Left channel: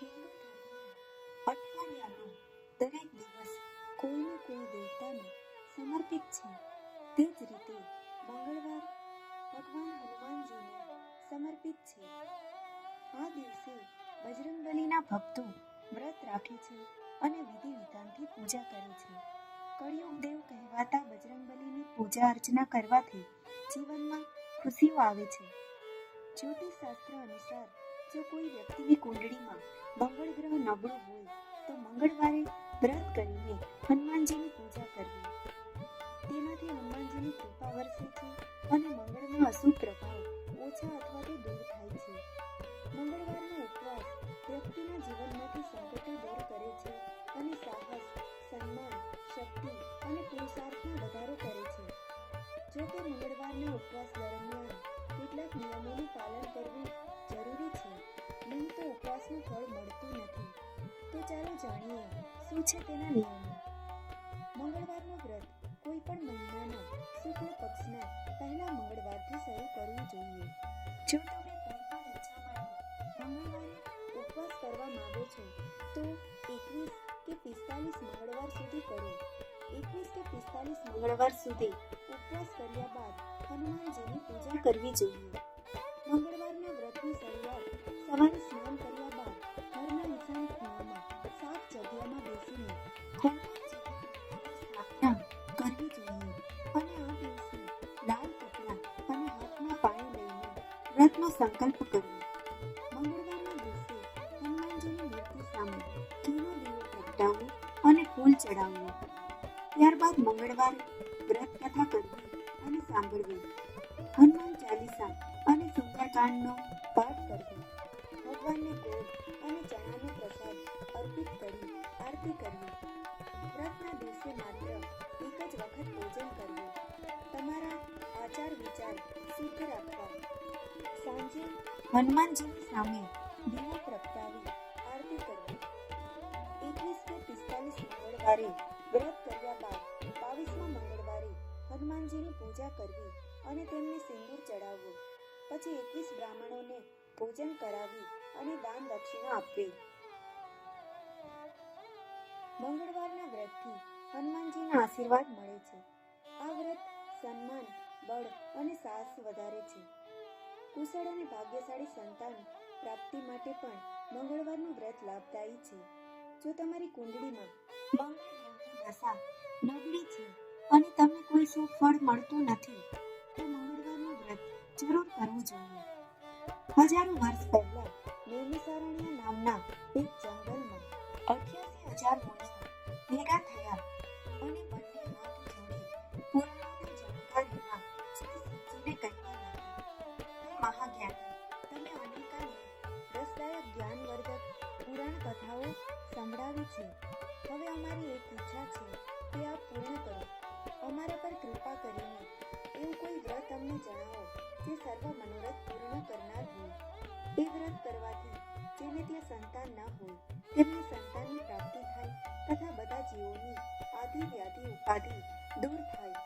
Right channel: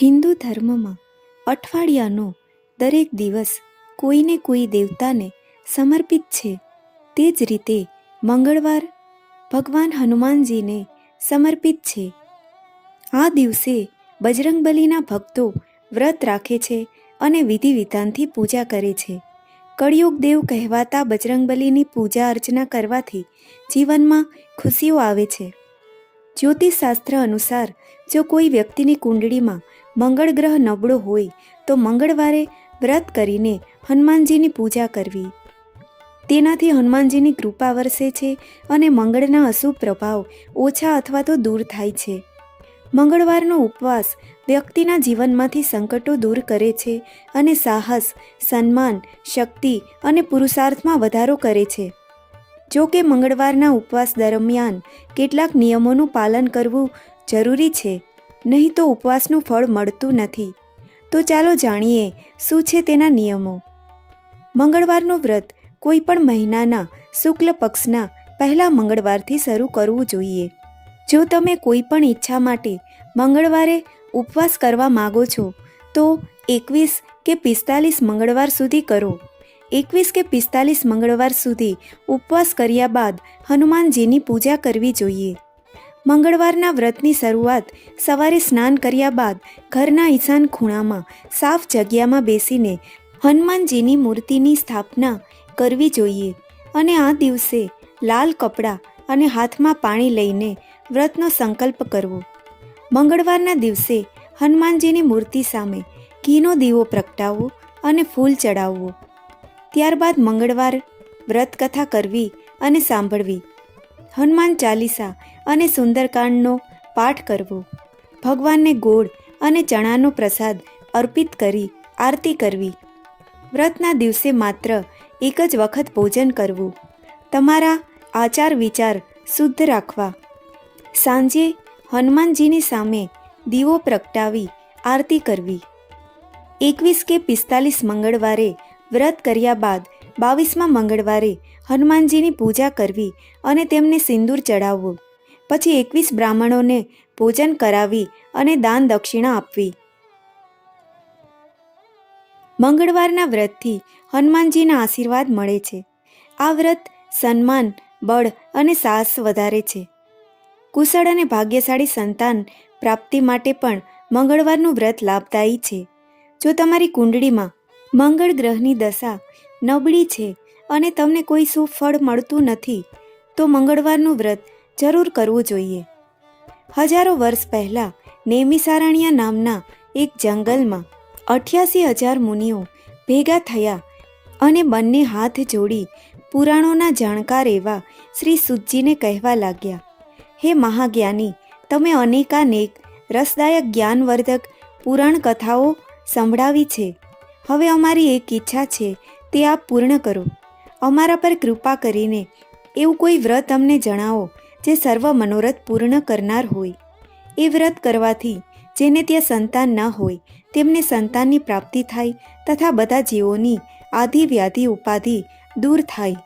હિન્દુ ધર્મમાં અઠવાડિયાનો દરેક દિવસ કોઈને કોઈ દેવતાને સમર્પિત છે. તે જ રીતે મંગળવાર ભગવાન હનુમાનજીને સમર્પિત છે. આ દિવસે બજરંગબલીના ભક્તો વ્રત રાખે છે અને વિધિ વિધાનથી પૂજા કરે છે. કળિયુગ દેવ કહેવાતા બજરંગબલીની પૂજા અર્ચના કરવાથી જીવનમાં ખુશીઓ આવે છે. જ્યોતિષશાસ્ત્ર અનુસાર જો કોઈ વ્યક્તિની કુંડળીમાં મંગળ ગ્રહ નબળો હોય તો મંગળવારે વ્રત કરીને હનુમાનજીની પૂજા કરવી. તેનાથી હનુમાનજીની કૃપા વરસે છે અને મંગળના અશુભ પ્રભાવ ઓછા અથવા તો દૂર થાય છે. મંગળવારનો ઉપવાસ વ્યક્તિના જીવનમાંથી સંકટો દૂર કરે છે અને સાહસ, સન્માન, શક્તિ અને પુરુષાર્થમાં વધારો કરે છે. જો કે મંગળવારના ઉપવાસ દરમિયાન કેટલાક નિયમોનું પાલન કરવું જરૂરી છે. નહીં તો ઉપવાસનું ફળ મળતું નથી. તો ચાલો જાણીએ, શું છે તેના નિયમો? મંગળવારનું વ્રત કોઈ પણ મહિનાના શુક્લ પક્ષના પહેલા મંગળવારથી શરૂ કરવું જોઈએ. જો તમે કોઈ પણ ઈચ્છા માટે મંગળવારે ઉપવાસ કરવા માગો છો, તો એકવીસ કે પિસ્તાલીસ મંગળવાર સુધી કરો. એકવીસ કે પિસ્તાલીસ મંગળવાર સુધી ઉપવાસ કર્યા બાદ હનુમાનજીની પૂજા કરવી જોઈએ. મંગળવારના વ્રતની શરૂઆત સવારે સ્નાન કર્યા બાદ ઘરના ઈશાન ખૂણામાં સાફ જગ્યામાં બેસીને હનુમાનજીની મૂર્તિની સ્થાપના કરવી જોઈએ અને આ દિવસે લાલ કપડાં અને હાથમાં પાણી લઈને વ્રતનો સંકલ્પ કરવો. મંગળવારના દિવસે હનુમાનજીની મૂર્તિ સામે ઘીનો દીવો પ્રગટાવવો અને ફૂલ ચડાવવો. ત્યારબાદ મંગળવાર વ્રત કથા કરવી અને સાંભળવી. હનુમાન ચાલીસા અને સુંદરકાંડનો પાઠ કરવો. ભગવાનને ગોળ અને ચણાનો પ્રસાદ અર્પિત કરી આરતી કરવી. વ્રતના દિવસે માત્ર એક જ વખત ભોજન કરવું. તમારા આચાર વિચાર શુદ્ધ રાખવા. સાંજે હનુમાનજીની સામે દીવો પ્રગટાવી આરતી કરવી. એકવીસ કે પિસ્તાલીસ મંગળવારે વ્રત કર્યા બાદ બાવીસમાં મંગળવારે હનુમાનજીની પૂજા કરવી અને તેમને સિંદૂર ચડાવવું પછી એકવીસ બ્રાહ્મણોને ભોજન કરાવી અને દાન દક્ષિણા આપવી. મંગળવારના વ્રતથી હનુમાનજીના આશીર્વાદ મળે છે. આ વ્રત સન્માન, બળ અને સાહસ વધારે છે. કુશળ અને ભાગ્યશાળી સંતાન પ્રાપ્તિ માટે પણ મંગળવારનું વ્રત લાભદાયી છે. જો તમારી કુંડળીમાં મંગળ ગ્રહની દશા નબળી છે અને તમને કોઈ શુભ ફળ મળતું નથી, તો મંગળવારનું વ્રત જરૂર કરવું જોઈએ. હજારો વર્ષ પહેલાં નેમિસારણ્યા નામના એક જંગલમાં અઠ્યાસી હજાર મુનિઓ ભેગા થયા અને બંને હાથ જોડી પુરાણોના જાણકાર એવા શ્રી સુજીને કહેવા લાગ્યા, હે મહાજ્ઞાની, તમે અનેકાનેક રસદાયક જ્ઞાનવર્ધક પુરાણ કથાઓ સંભળાવી છે. હવે અમારી એક ઈચ્છા છે, તે આપ પૂર્ણ કરો. અમારા પર કૃપા કરીને એવું કોઈ વ્રત અમને જણાવો જે સર્વ મનોરથ પૂર્ણ કરનાર હોય. એ વ્રત કરવાથી જેને ત્યાં સંતાન ન હોય, તેમને સંતાનની પ્રાપ્તિ થાય તથા બધા જીવોની આધિ વ્યાધિ ઉપાધિ દૂર થાય.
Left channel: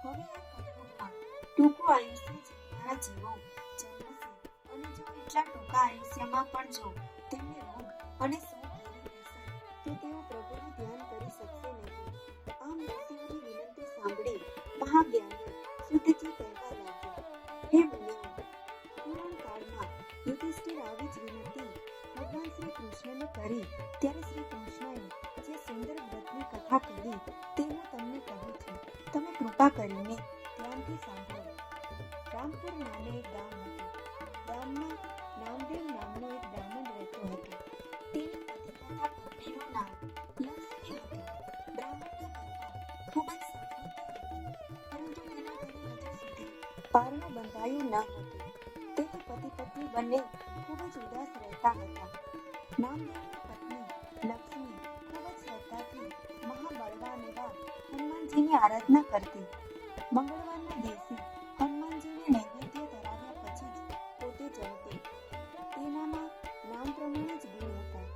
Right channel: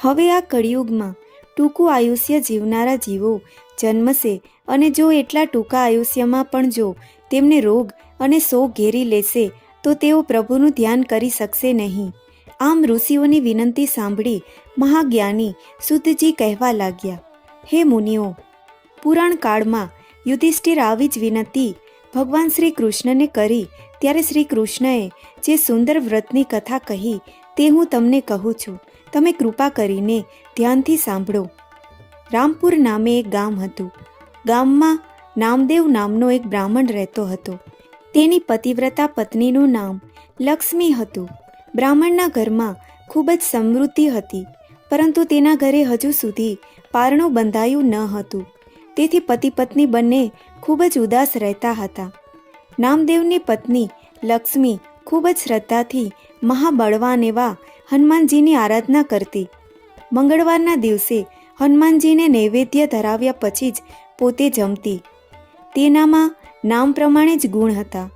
હવે આ કળિયુગમાં ટૂંકું આયુષ્ય જીવનારા જીવો જન્મશે અને જો એટલા ટૂંકા આયુષ્યમાં પણ જો તેમને રોગ અને શોક ઘેરી લેશે, તો તેઓ પ્રભુનું ધ્યાન કરી શકશે નહીં. આમ ઋષિઓની વિનંતી સાંભળી મહાજ્ઞાની શુદ્ધજી કહેવા લાગ્યા હે મુનિઓ, પુરાણ કાળમાં યુધિષ્ઠિર આવી જ વિનંતી ભગવાન શ્રી કૃષ્ણને કરી ત્યારે શ્રી કૃષ્ણએ જે સુંદર વ્રતની કથા કહી તે હું તમને કહું છું. તમે કૃપા કરીને ધ્યાનથી સાંભળો. રામપુર નામે એક ગામ હતું. ગામમાં નામદેવ નામનો એક બ્રાહ્મણ રહેતો હતો. તેની પતિવ્રતા પત્નીનું નામ લક્ષ્મી હતું. બ્રાહ્મણના ઘરમાં ખૂબ જ સમૃદ્ધિ હતી, પરંતુ તેના ઘરે હજુ સુધી પારણું બંધાયું ન હતું. તેથી પતિ પત્ની બંને ખૂબ જ ઉદાસ રહેતા હતા. નામદેવની પત્ની લક્ષ્મી ખૂબ જ શ્રદ્ધાથી મહાબળવાન એવા હનુમાનજીની આરાધના કરતી. મંગળવારના દિવસે હનુમાનજીને નૈવેદ્ય ધરાવ્યા પછી જ પોતે જમતી. તેનામાં નામ પ્રમાણે જ ગુણ હતા.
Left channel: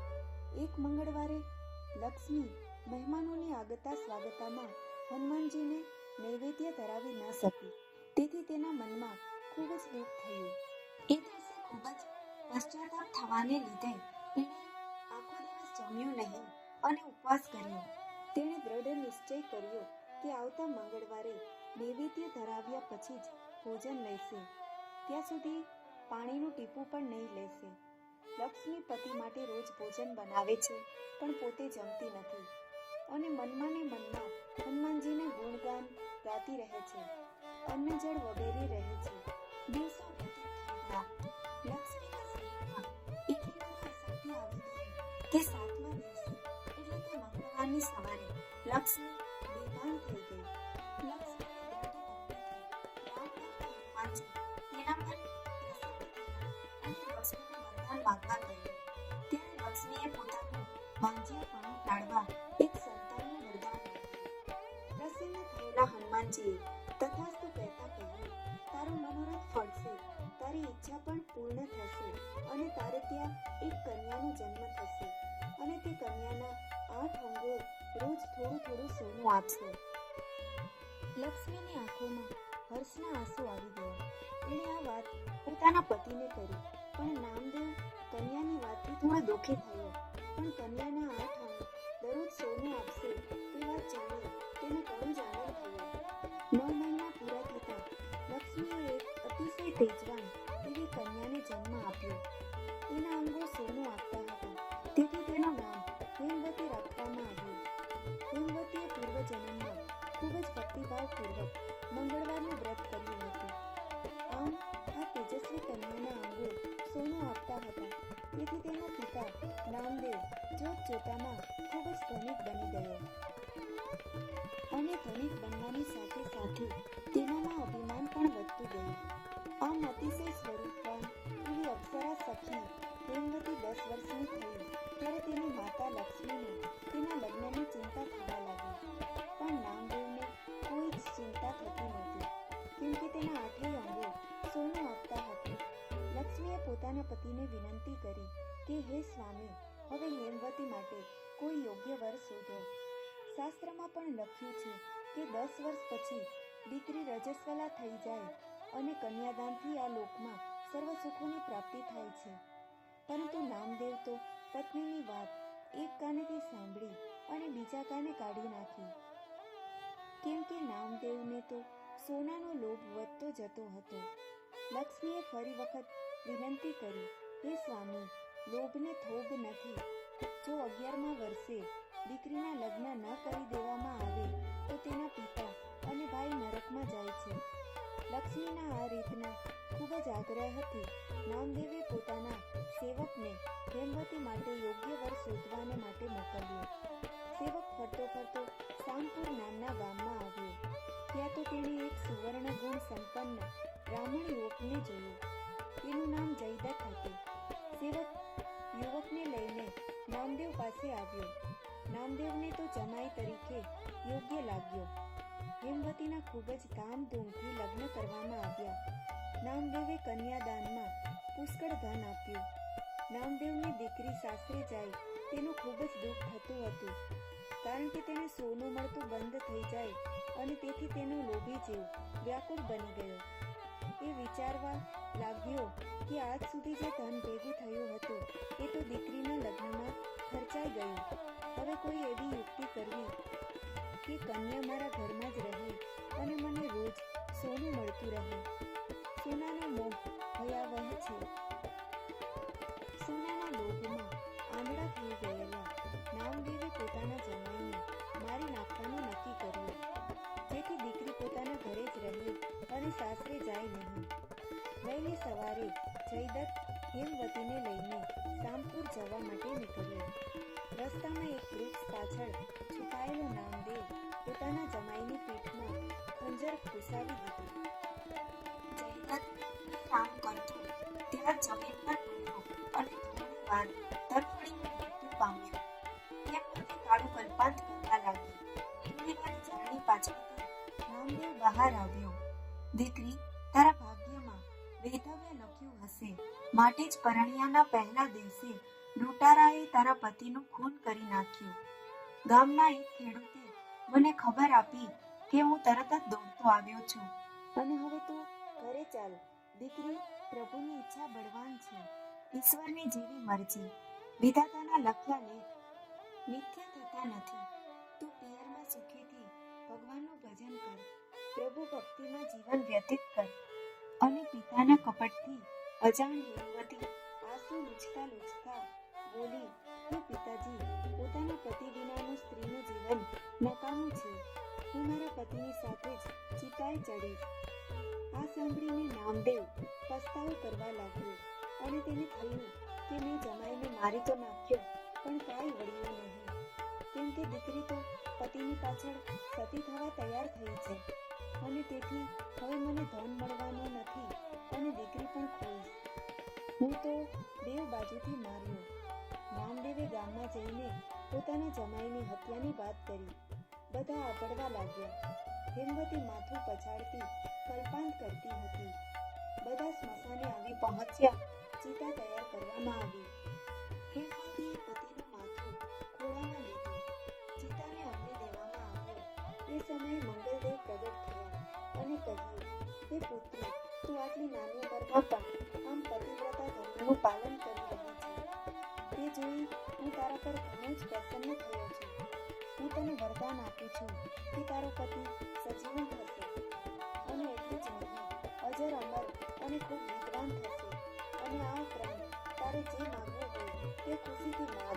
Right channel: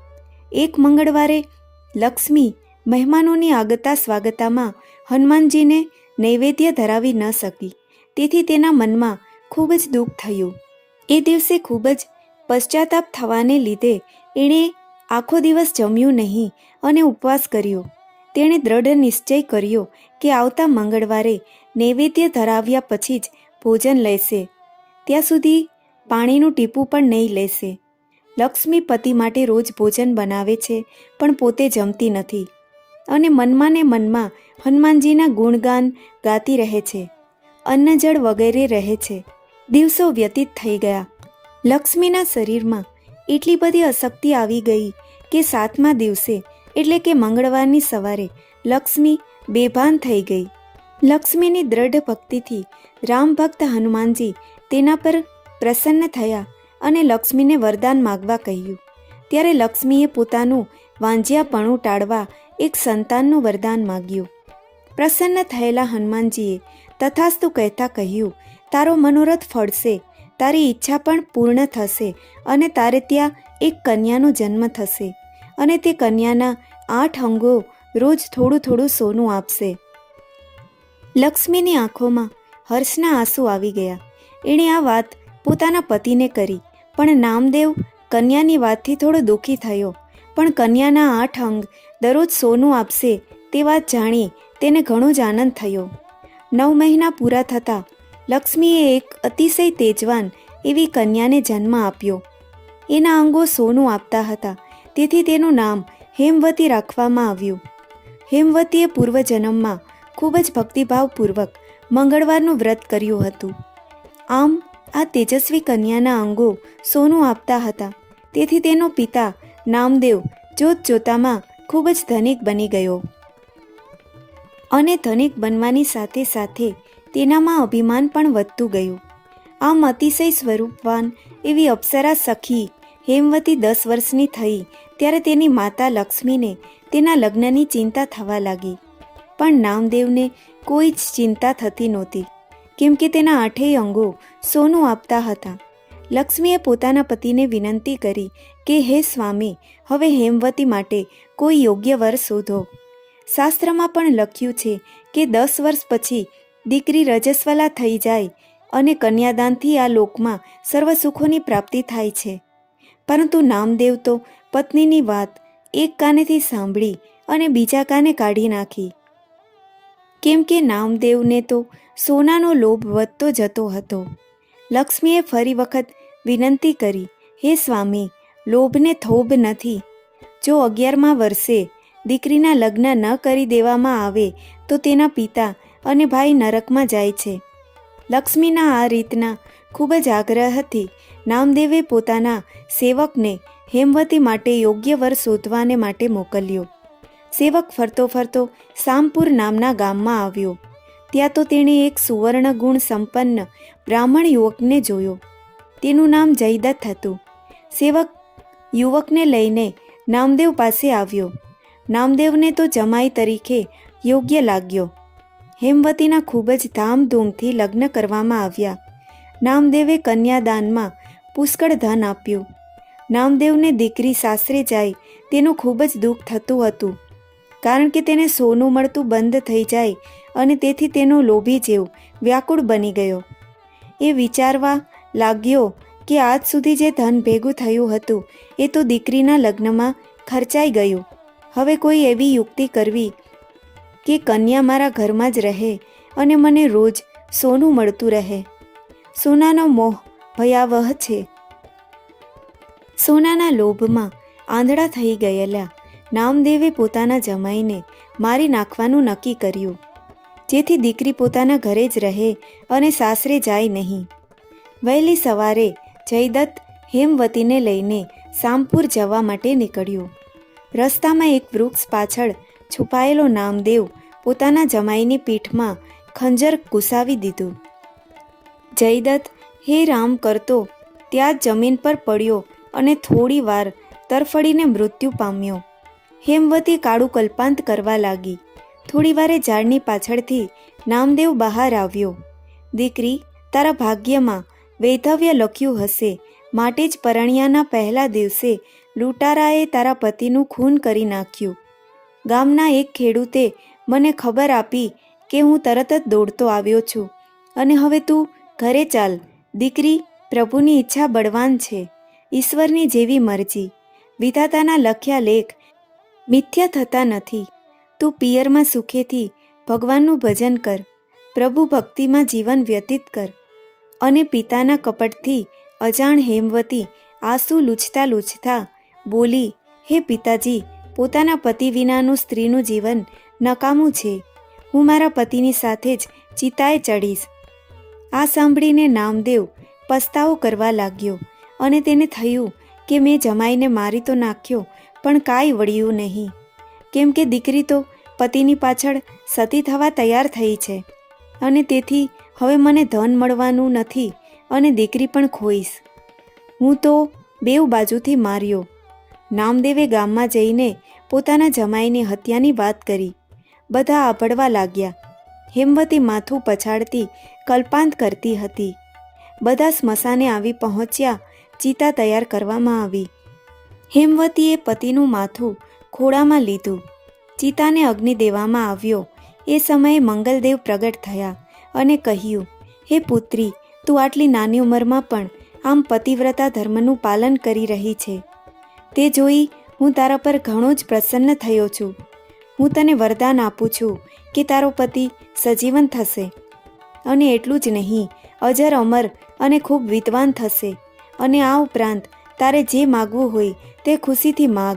એક મંગળવારે લક્ષ્મી મહેમાનોની આગતા સ્વાગતામાં હનુમાનજીને નૈવેદ્ય ધરાવી ન શકી. તેથી તેના મનમાં ખૂબ જ દુઃખ થયું. એ દિવસે ખૂબ જ પશ્ચાતાપ થવાને લીધે એણે આખો દિવસ જમ્યું નહીં અને ઉપવાસ કર્યો. તેણે દ્રઢ નિશ્ચય કર્યો કે આવતા મંગળવારે નૈવેદ્ય ધરાવ્યા પછી જ ભોજન લેશે. ત્યાં સુધી પાણીનું ટીપું પણ નહીં લેશે. લક્ષ્મી પતિ માટે રોજ ભોજન બનાવે છે, પણ પોતે જમતી નથી અને મનમાં ને મનમાં હનુમાનજીના ગુણગાન ગાતી રહે છે. અન્ન જળ વગેરે રહે છે. દિવસો વ્યતીત થઈ ગયા. લક્ષ્મીના શરીરમાં એટલી બધી અશક્તિ આવી ગઈ કે સાતમા દિવસે, એટલે કે મંગળવારની સવારે, લક્ષ્મી બેભાન થઈ ગઈ. લક્ષ્મીની દ્રઢ ભક્તિથી રામ ભક્ત હનુમાનજી તેના પર પ્રસન્ન થયા અને લક્ષ્મીને વરદાન માગવા કહ્યું. ત્યારે લક્ષ્મીએ પોતાનું વાંજિયાપણું ટાળવા એક સંતાનનું વરદાન માગ્યું. પ્રસન્ન થયેલા હનુમાનજીએ તથાસ્તુ કહેતા કહ્યું, તારો મનોરથ ફળશે, તારી ઈચ્છા પણ પૂર્ણ થશે અને તારે ત્યાં એક કન્યાનો જન્મ થશે અને તે કન્યાના આઠ અંગો રોજ થોડું થોડું સોનું આપશે. લક્ષ્મીની આંખોમાં હર્ષના આંસુ આવી ગયા. એણે આ વાત પોતાના પતિને કરી, પણ નામદેવ કન્યાની વાતથી થોડો દુઃખી થયો. પણ કન્યાના આઠ અંગ દરરોજ સોનું આપશે તે વાત જાણી તેને ઘણો જ આનંદ થયો. નવ મહિના પૂરા થતાં લક્ષ્મીએ એક અતિશય તેજવાન એવી કન્યાને જન્મ આપ્યો. એના અંગો સોનું આપતા હતા. તેથી તેનું નામ હેમવતી રાખવામાં આવ્યું. હેમવતીએ પૂર્વજન્મમાં ખૂબ જ ભક્તિભાવપૂર્વક મંગળવારનું વ્રત કર્યું હતું. આમ, આ તેજસ્વી કન્યાના અંગો સોનું આપતા હતા. તેથી તેનો પિતા નામદેવ જોત જોતામાં ખૂબ જ ધનિક બની ગયો. અને ધનિક બનવાની સાથે સાથે તેનામાં અભિમાન પણ વધતું ગયું. આમ અતિશય સ્વરૂપવાન એવી અપ્સરા સખી હેમવતી દસ વર્ષની થઈ ત્યારે તેની માતા લક્ષ્મીને તેના લગ્નની ચિંતા થવા લાગી. પણ નામદેવને કોઈ જ ચિંતા થતી નહોતી, કેમ કે તેના આઠેય અંગો સોનું આપતા હતા. લક્ષ્મીએ પોતાના પતિને વિનંતી કરી કે, હે સ્વામી, હવે હેમવતી માટે કોઈ યોગ્ય વર શોધો. શાસ્ત્રમાં પણ લખ્યું છે કે દસ વર્ષ પછી દીકરી રજસ્વલા થઈ જાય અને કન્યાદાનથી આ લોકમાં સર્વ સુખોની પ્રાપ્તિ થાય છે. પરંતુ નામદેવ તો પત્નીની વાત એક કાનેથી સાંભળી અને બીજા કાને કાઢી નાખી. કેમ કે નામદેવને તો સોનાનો લોભ વધતો જતો હતો. લક્ષ્મીએ ફરી વખત વિનંતી કરી, હે સ્વામી, લોભને થોભ નથી. જો અગિયારમાં વર્ષે દીકરીના લગ્ન ન કરી દેવામાં આવે તો તેના પિતા અને ભાઈ નરકમાં જાય છે. લક્ષ્મીના આ રીતના ખૂબ જ આગ્રહથી નામદેવે પોતાના સેવકને હેમવતી માટે યોગ્ય વર શોધવાને માટે મોકલ્યો. સેવક ફરતો ફરતો સામપુર નામના ગામમાં આવ્યો. ત્યાં તો તેણે એક સુવર્ણ ગુણ સંપન્ન બ્રાહ્મણ યુવકને જોયો. તેનું નામ જયદત્ત હતું. સેવક યુવકને લઈને નામદેવ પાસે આવ્યો. નામદેવને તો જમાઈ તરીકે યોગ્ય લાગ્યો. હેમવતીના ખૂબ જ ધામધૂમથી લગ્ન કરવામાં આવ્યા. નામદેવે કન્યાદાનમાં પુષ્કળ ધન આપ્યું. નામદેવને દીકરી સાસરે જાય તેનું ખૂબ જ દુઃખ થતું હતું, કારણ કે તેને સોનું મળતું બંધ થઈ જાય અને તેથી તેનો લોભી જેવ વ્યાકુળ બની ગયો. એ વિચારવા લાગ્યો કે આજ સુધી જે ધન ભેગું થયું હતું એ તો દીકરીના લગ્નમાં ખર્ચાઈ ગયું. હવે કોઈ એવી યુક્તિ કરવી કે કન્યા મારા ઘરમાં જ રહે અને મને રોજ સોનું મળતું રહે. સોનાનો મોહ ભયાવહ છે. સોનાના લોભમાં આંધળા થઈ ગયેલા નામદેવે પોતાના જમાઈને મારી નાખવાનું નક્કી કર્યું. જેથી દીકરી પોતાના ઘરે જ રહે અને સાસરે જાય નહીં. વહેલી સવારે જયદત્ત હેમવતીને લઈને સામપુર જવા માટે નીકળ્યું. રસ્તામાં એક વૃક્ષ પાછળ છુપાયેલો નામદેવ પોતાના જમાઈની પીઠમાં ખંજર ઘુસાવી દીધું. જયદત્ત, હે રામ, કરતો. ત્યાં જ જમીન પર પડ્યો અને થોડી વાર તરફડીને મૃત્યુ પામ્યો. હેમવતી કાળું કલ્પાંત કરવા લાગી. થોડી વારે ઝાડની પાછળથી નામદેવ બહાર આવ્યો. દીકરી, તારા ભાગ્યમાં વૈધવ્ય લખ્યું હશે. માટે જ પરણ્યાના પહેલા દિવસે લૂંટારાએ તારા પતિનું ખૂન કરી નાખ્યું. ગામના એક ખેડૂતે મને ખબર આપી કે હું તરત જ દોડતો આવ્યો છું. અને હવે તું ઘરે ચાલ. દીકરી પ્રભુની ઈચ્છા બળવાન છે. ઈશ્વરની જેવી મરજી. વિધાતાના લખ્યા લેખ મિથ્યા થતા નથી. તું પિયરમાં સુખેથી ભગવાનનું ભજન કર. પ્રભુ ભક્તિમાં જીવન વ્યતીત કર. અને પિતાના કપટથી અજાણ હેમવતી આંસુ લૂછતા લૂછતા બોલી, હે પિતાજી, પોતાના પતિ વિનાનું સ્ત્રીનું જીવન નકામું છે. હું મારા પતિની સાથે જ ચિતાએ ચડીશ. આ સાંભળીને નામદેવ પસ્તાવો કરવા લાગ્યો અને તેને થયું કે મેં જમાઈને મારી તો નાખ્યો, પણ કાંઈ વળ્યું નહીં. કેમ કે દીકરી તો પતિની પાછળ સતી થવા તૈયાર થઈ છે અને તેથી હવે મને ધન મળવાનું નથી અને દીકરી પણ ખોઈશ. હું તો બેવ બાજુથી માર્યો નામદેવે ગામમાં જઈને પોતાના જમાઈની હત્યાની વાત કરી. બધા આભળવા લાગ્યા. હેમવતી માથું પછાડતી કલ્પાંત કરતી હતી. બધા સ્મશાને આવી પહોંચ્યા, ચિતા તૈયાર કરવામાં આવી. હેમવતીએ પતિનું માથું ખોળામાં લીધું. ચિતાને અગ્નિ દેવામાં આવ્યો. એ સમયે મંગલદેવ પ્રગટ થયા અને કહ્યું, હે પુત્રી, તું આટલી નાની ઉંમરમાં પણ આમ પતિવ્રતા ધર્મનું પાલન કરી રહી છે. તે જોઈ હું તારા પર ઘણો જ પ્રસન્ન થયો છું. હું તને વરદાન આપું છું કે તારો પતિ સજીવન થશે. અને એટલું જ નહીં, અજર અમર અને ખૂબ વિદ્વાન થશે. અને આ ઉપરાંત, તારે જે માગવું હોય તે ખુશીથી માગ.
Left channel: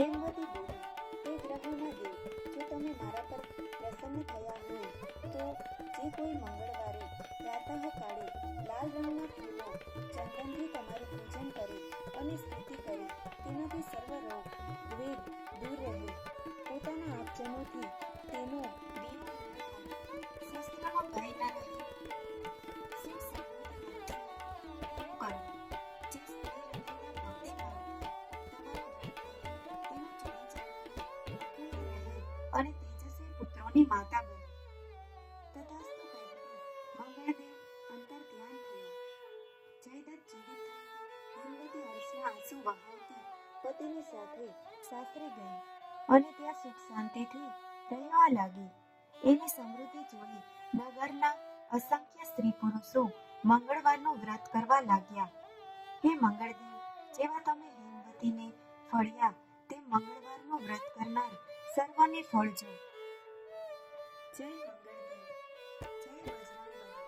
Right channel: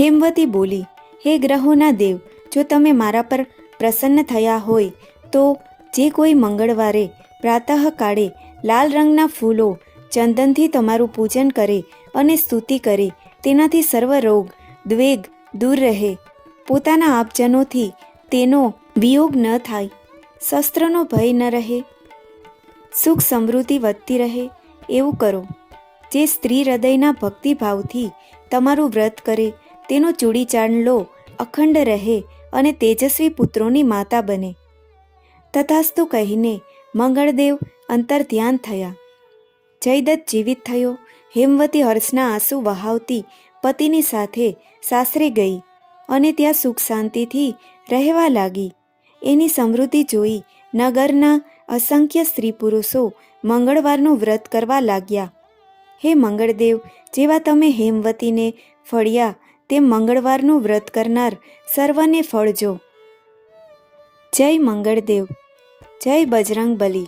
હેમવતી બોલી, હે ગ્રહોના દેવ, જો તમે મારા પર પ્રસન્ન થયા હોય, તો જે કોઈ મંગળવારે પ્રાતઃકાળે લાલ રંગના ફૂલો ચંદનથી તમારું પૂજન કરે અને સ્તુતિ કરે. તેનાથી સર્વ રોગ, દ્વેગ દૂર રહે. પોતાના આપજનોથી તેનો વિયોગ ન થાય. શસ્ત્રનો ભય ન રહે. સુખ સમૃદ્ધિ વધતી રહે. એવું કરો. જે સ્ત્રી હૃદયના ભક્તિભાવથી તમારું વ્રત કરે, તેનો ચૂડી લો, અખંડ રહે અને તેજસ્વી પુત્રોની માતા બને. તથાસ્તુ કહીને મંગળદેવ અંતર ધ્યાન થયા. જયદત્ત જીવિત થયો. હેમવતી હર્ષના આંસુ વહાવતી પતિની સાથે સાસરે ગઈ અને ત્યાં સુખ શાંતિથી રહેવા લાગી. એની સમૃદ્ધિ જોઈ નગરના અસંખ્ય સ્ત્રી પુરુષો મંગળવારનું વ્રત કરવા લાગ્યા. હે મંગળદેવ, જેવા તમે હેમવતીને ફળ્યા, તેમ મંગળવારનું વ્રત કરનાર સર્વને ફળજો. જય મંગળદેવ, જય બજરંગ બલી